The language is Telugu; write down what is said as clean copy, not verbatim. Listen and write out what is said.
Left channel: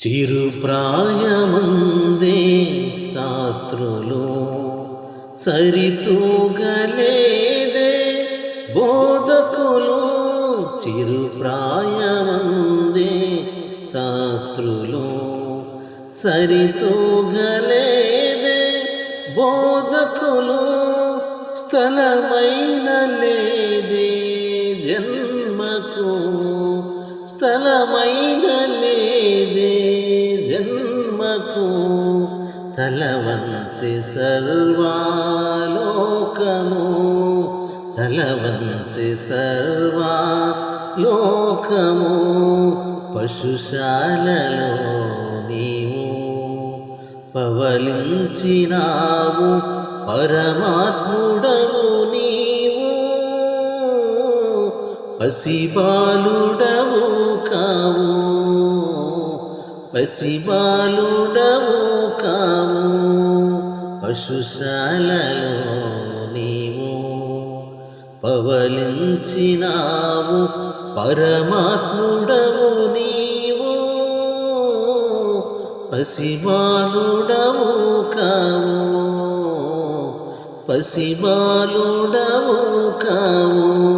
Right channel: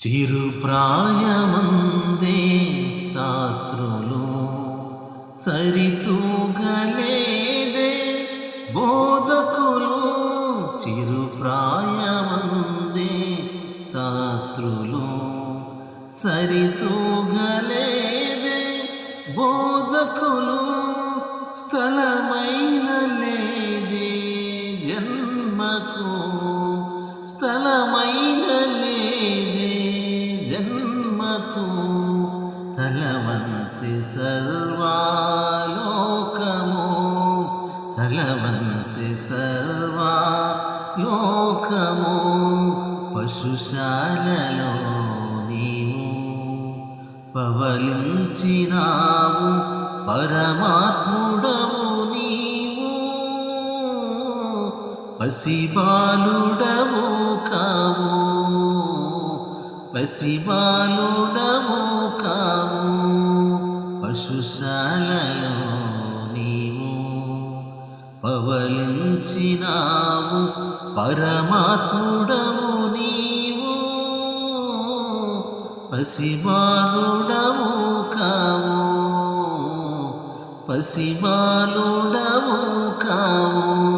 చిరు ప్రాయమందే శాస్త్రులు సరితూగలేదే బోధకులు. చిరు ప్రాయమందే శాస్త్రులు సరితూగలేదే బోధకులు. స్థలమైన లేదే జన్మకు, స్థలమైన లేదే జన్మకు. తలవంచి సర్వాలోకము, తలవంచి సర్వాలోకము. పశుశాలలో నీవు పవలించినావు, పరమాత్ముడవు నీవు. పసిబాలుడవు కావు, పసిబాలుడవు కావు. పశుశాలలో నీవు పవలించినావు, పరమాత్ముడవు నీవు. పసిబాలుడవు కావు, పసిబాలుడవు కావు.